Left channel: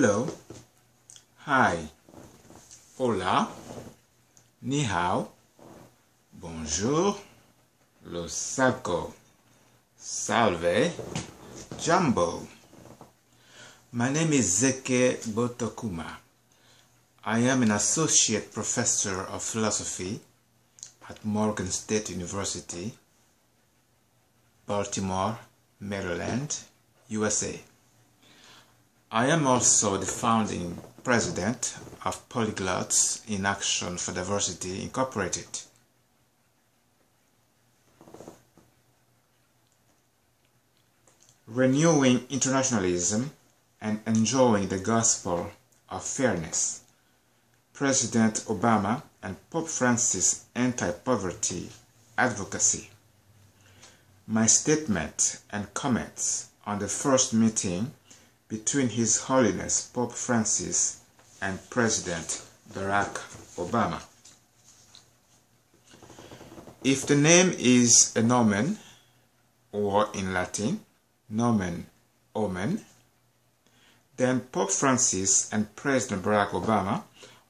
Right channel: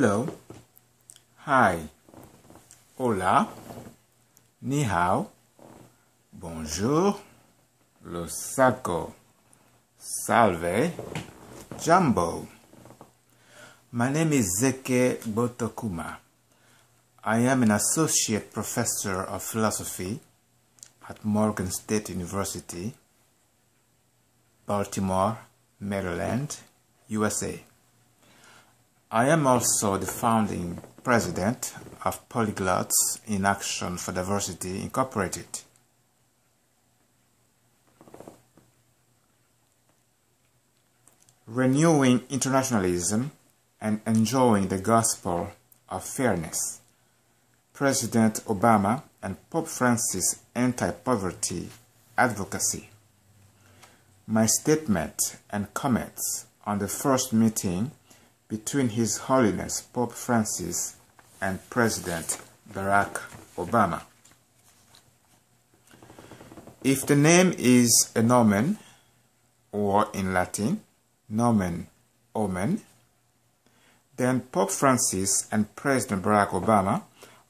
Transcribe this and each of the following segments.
Hello, hi, hola, ni hao, bonjour, lo sacco, salve, jumbo. My name is Zekeh Gbotokuma. I am an associate professor of philosophy at Morgan State University, Baltimore, Maryland, USA. I am also the founding president of Polyglots in Action for Diversity, Incorporated. Renewing internationalism and enjoying the gospel of fairness. President Obama and Pope Francis anti-poverty advocacy. My statement and comments on the first meeting between His Holiness Pope Francis and President Barack Obama. If the name is a nomen, or in Latin, nomen omen, then Pope Francis and President Barack Obama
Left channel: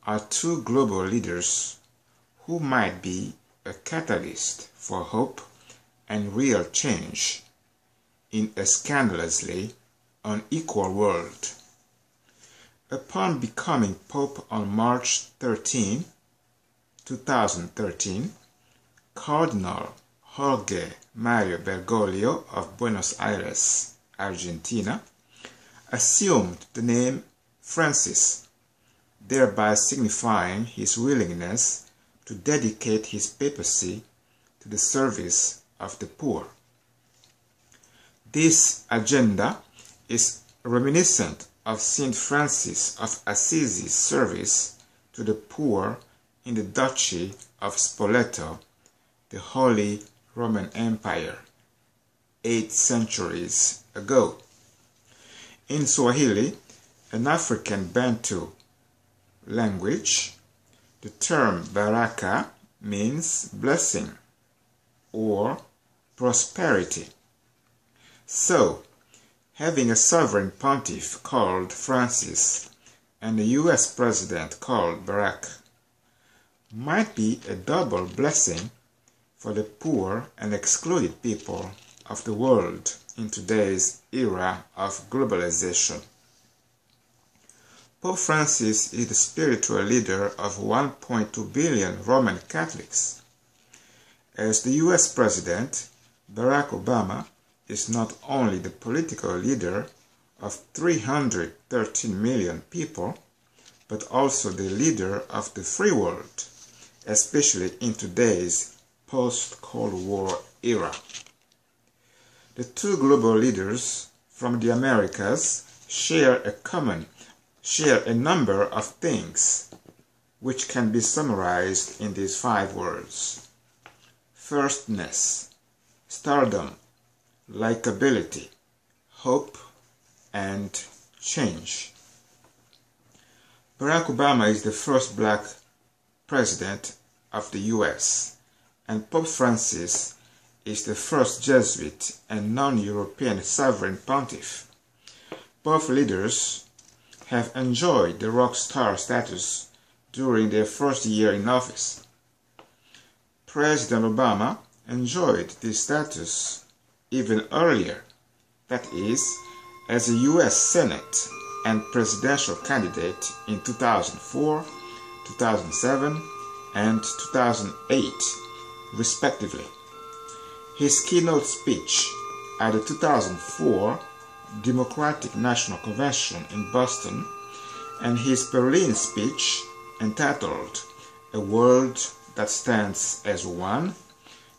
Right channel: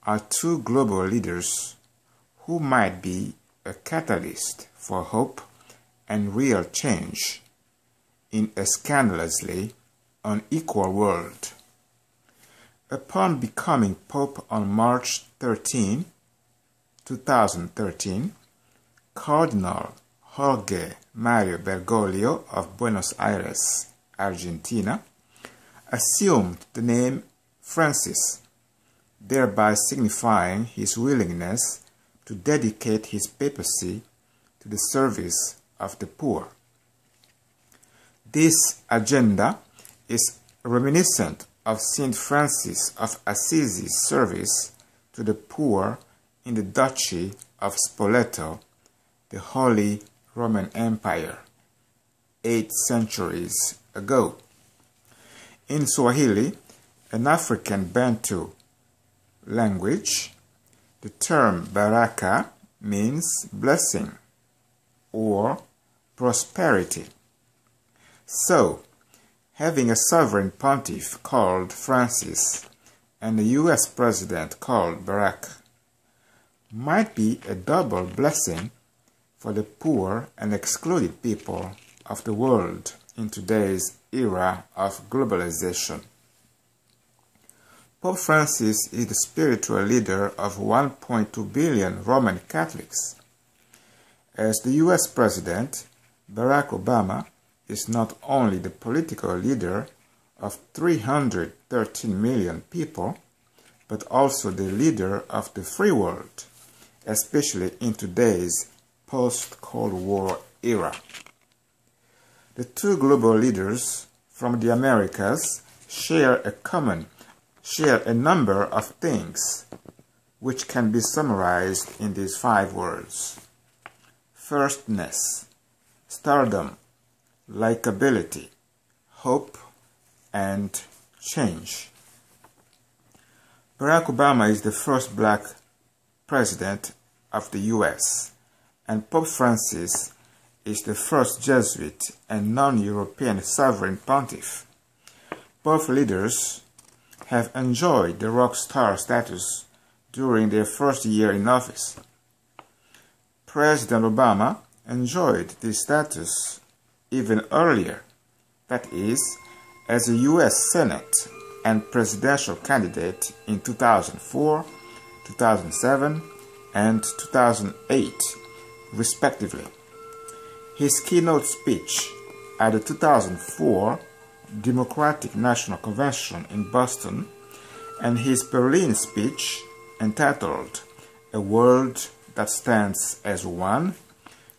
are two global leaders who might be a catalyst for hope and real change in a scandalously unequal world. Upon becoming Pope on March 13, 2013, Cardinal Jorge Mario Bergoglio of Buenos Aires, Argentina, assumed the name Francis, thereby signifying his willingness to dedicate his papacy to the service of the poor. This agenda is reminiscent of Saint Francis of Assisi's service to the poor in the Duchy of Spoleto, the Holy Roman Empire, 8 centuries ago. In Swahili, an African Bantu language, the term baraka means blessing or prosperity. So, having a sovereign pontiff called Francis and a U.S. president called Barack might be a double blessing for the poor and excluded people of the world in today's era of globalization. Pope Francis is the spiritual leader of 1.2 billion Roman Catholics. As the U.S. president, Barack Obama is not only the political leader of 313 million people, but also the leader of the free world, especially in today's post-Cold War era. The two global leaders from the Americas share a number of things which can be summarized in these 5 words: firstness, stardom, likability, hope, and change. Barack Obama is the first black president of the U.S., and Pope Francis is the first Jesuit and non-European sovereign pontiff. Both leaders have enjoyed the rock star status during their first year in office. President Obama enjoyed this status even earlier, that is, as a U.S. Senate and presidential candidate in 2004, 2007, and 2008, respectively. His keynote speech at the 2004 Democratic National Convention in Boston and his Berlin speech entitled "A World That Stands as One"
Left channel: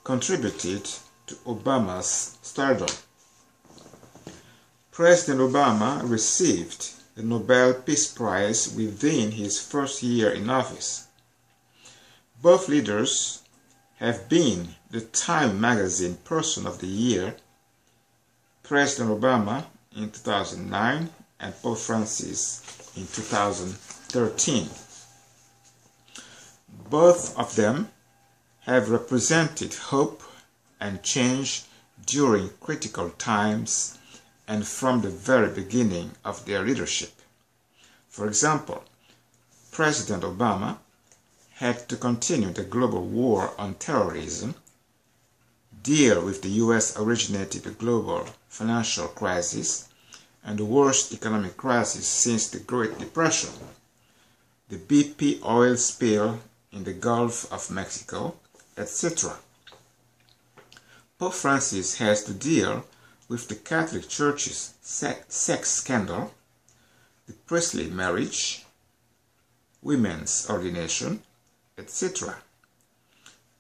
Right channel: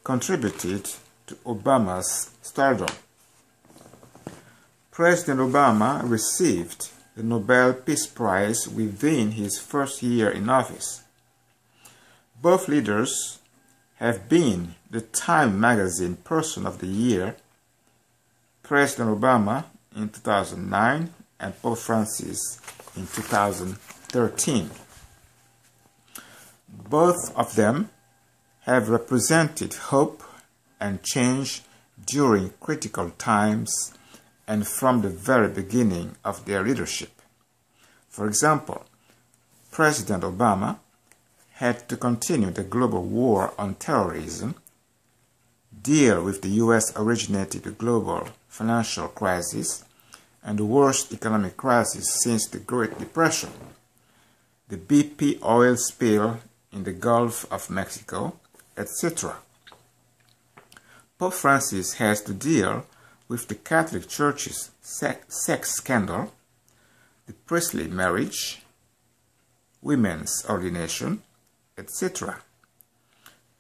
contributed to Obama's stardom. President Obama received the Nobel Peace Prize within his first year in office. Both leaders have been the Time magazine Person of the Year, President Obama in 2009 and Pope Francis in 2013. Both of them have represented hope and change during critical times and from the very beginning of their leadership. For example, President Obama had to continue the global war on terrorism, deal with the US-originated global financial crisis and the worst economic crisis since the Great Depression, the BP oil spill in the Gulf of Mexico, etc. Pope Francis has to deal with the Catholic Church's sex scandal, the priestly marriage, women's ordination, etc.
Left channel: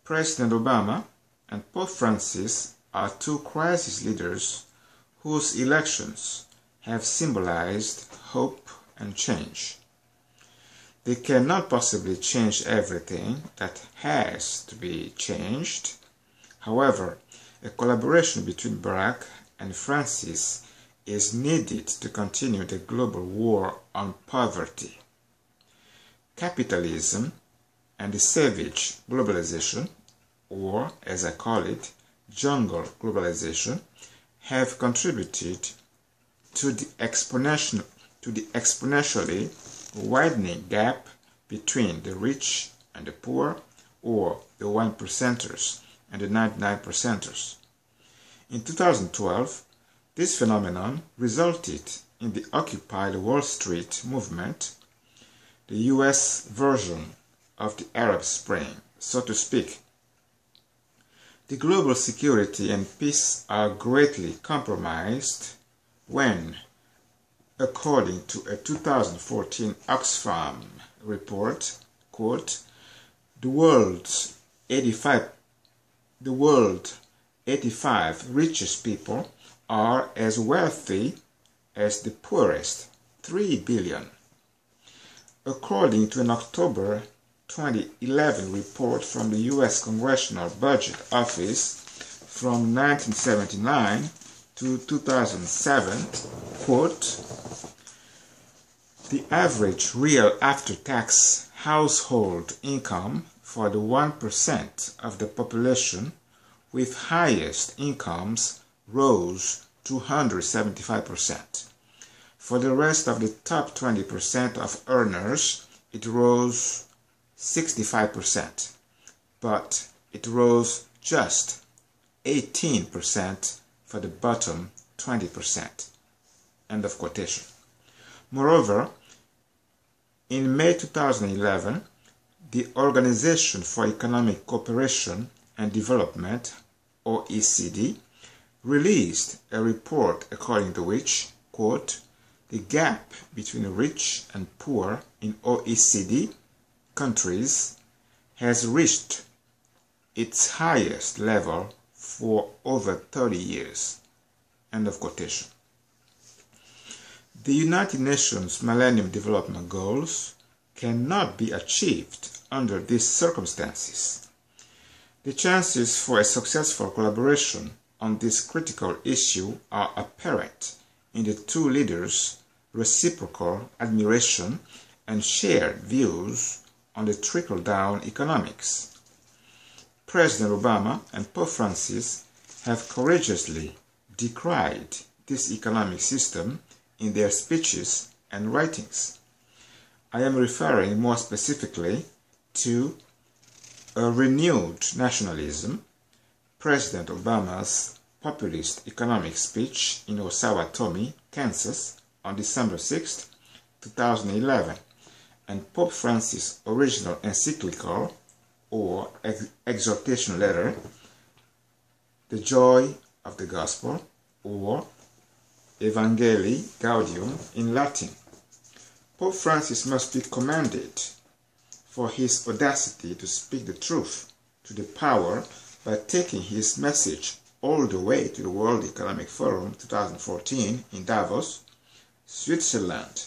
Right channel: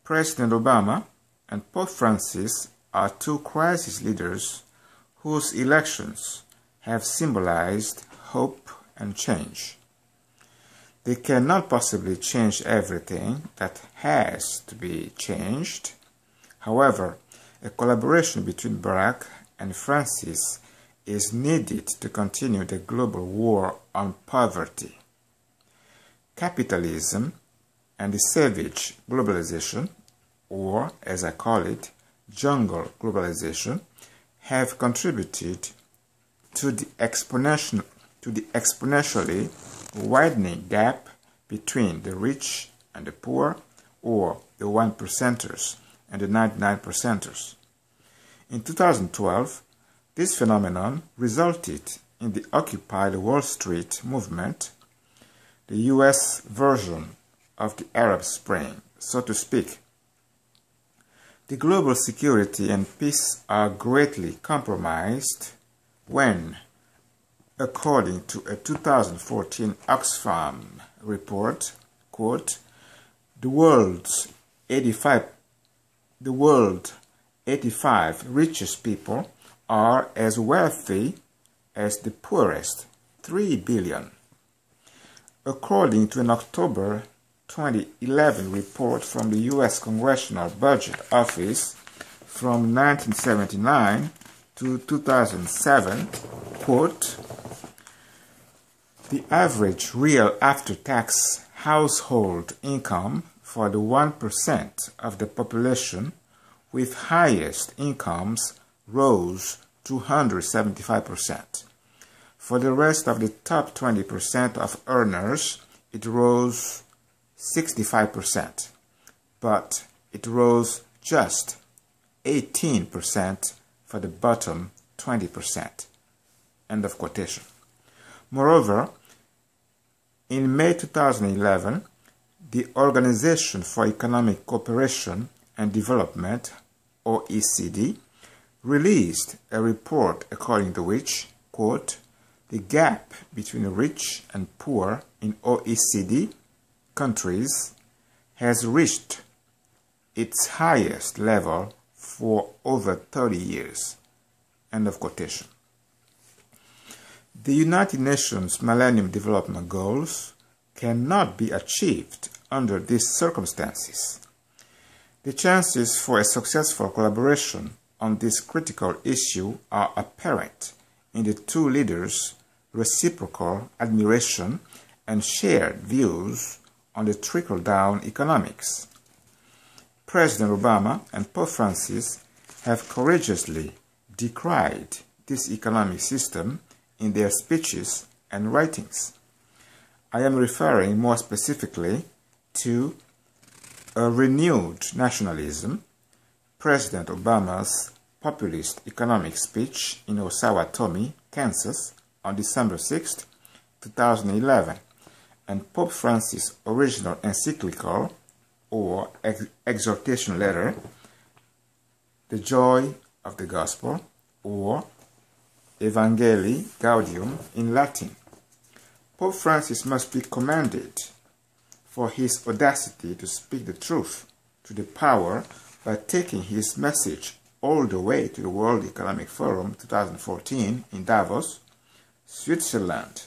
President Obama and Pope Francis are two crisis leaders whose elections have symbolized hope and change. They cannot possibly change everything that has to be changed. However, a collaboration between Barack and Francis is needed to continue the global war on poverty. Capitalism and the savage globalization, or as I call it, jungle globalization, have contributed to the exponentially widening gap between the rich and the poor, or the 1%ers and the 99%ers. In 2012, this phenomenon resulted in the Occupy Wall Street movement, the US version of the Arab Spring, so to speak. The global security and peace are greatly compromised when, according to a 2014 Oxfam report, quote, the world's 85 richest people are as wealthy as the poorest 3 billion. According to an October 2011 report from the U.S. Congressional Budget Office from 1979 to 2007, quote, the average real after-tax household income for the 1% of the population with highest incomes rose 275%. For the rest of the top 20% of earners, it rose 65%, but it rose just 18% for the bottom 20%. End of quotation. Moreover, in May 2011, the Organization for Economic Cooperation and Development, OECD, released a report according to which, quote, the gap between rich and poor in OECD countries has reached its highest level for over 30 years. End of quotation. The United Nations Millennium Development Goals cannot be achieved under these circumstances. The chances for a successful collaboration on this critical issue are apparent in the two leaders' reciprocal admiration and shared views on the trickle-down economics. President Obama and Pope Francis have courageously decried this economic system in their speeches and writings. I am referring more specifically to a renewed nationalism, President Obama's populist economic speech in Osawatomie, Kansas, on December 6, 2011, and Pope Francis' original encyclical or exhortation letter, The Joy of the Gospel, or Evangelii Gaudium in Latin. Pope Francis must be commended for his audacity to speak the truth to the power by taking his message all the way to the World Economic Forum 2014 in Davos, Switzerland.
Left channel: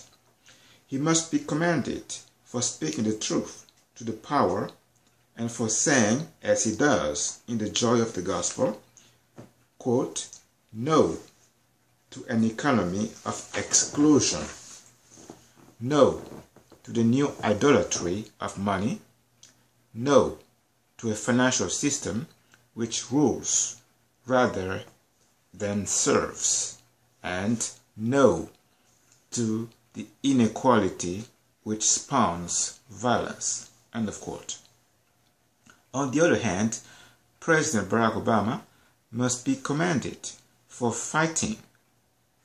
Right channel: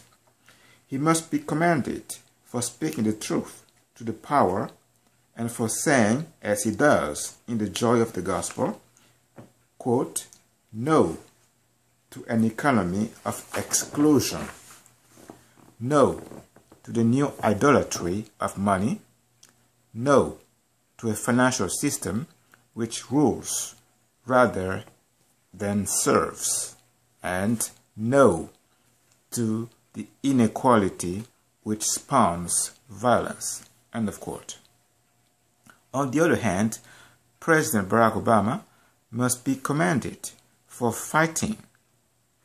He must be commended for speaking the truth to the power and for saying, as he does in The Joy of the Gospel, quote, no to an economy of exclusion, no to the new idolatry of money, no to a financial system which rules rather than serves, and no to the inequality which spawns violence." End of quote. On the other hand, President Barack Obama must be commended for fighting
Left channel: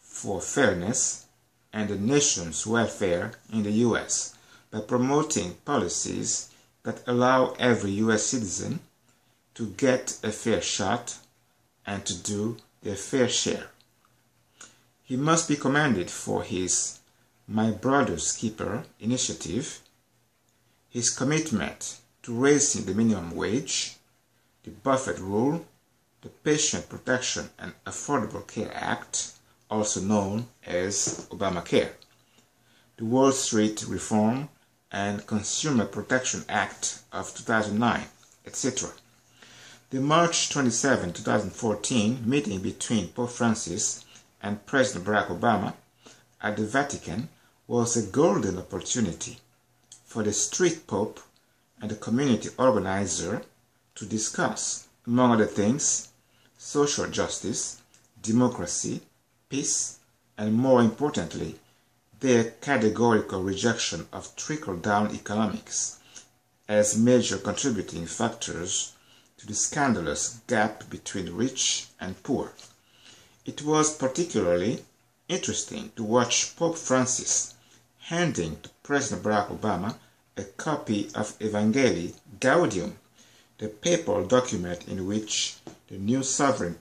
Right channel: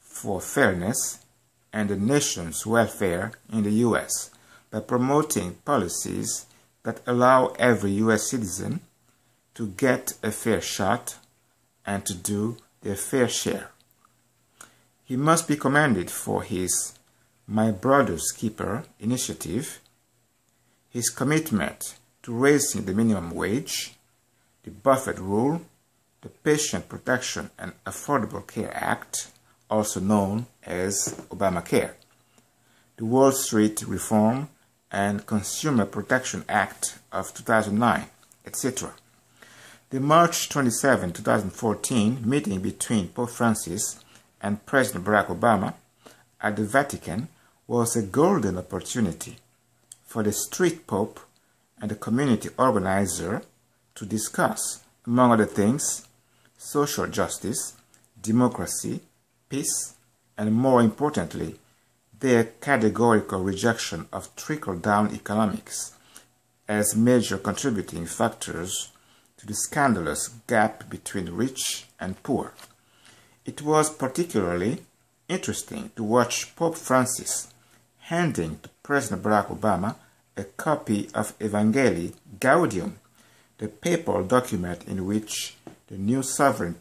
for fairness and the nation's welfare in the U.S. by promoting policies that allow every U.S. citizen to get a fair shot and to do their fair share. He must be commended for his My Brother's Keeper initiative, his commitment to raising the minimum wage, the Buffett Rule, the Patient Protection and Affordable Care Act, also known as Obamacare, the Wall Street Reform and Consumer Protection Act of 2009, etc. The March 27, 2014 meeting between Pope Francis and President Barack Obama at the Vatican was a golden opportunity for the street pope and the community organizer to discuss, among other things, social justice, democracy, peace, and more importantly, their categorical rejection of trickle-down economics as major contributing factors to the scandalous gap between rich and poor. It was particularly interesting to watch Pope Francis handing to President Barack Obama a copy of Evangelii Gaudium, the papal document in which the new sovereign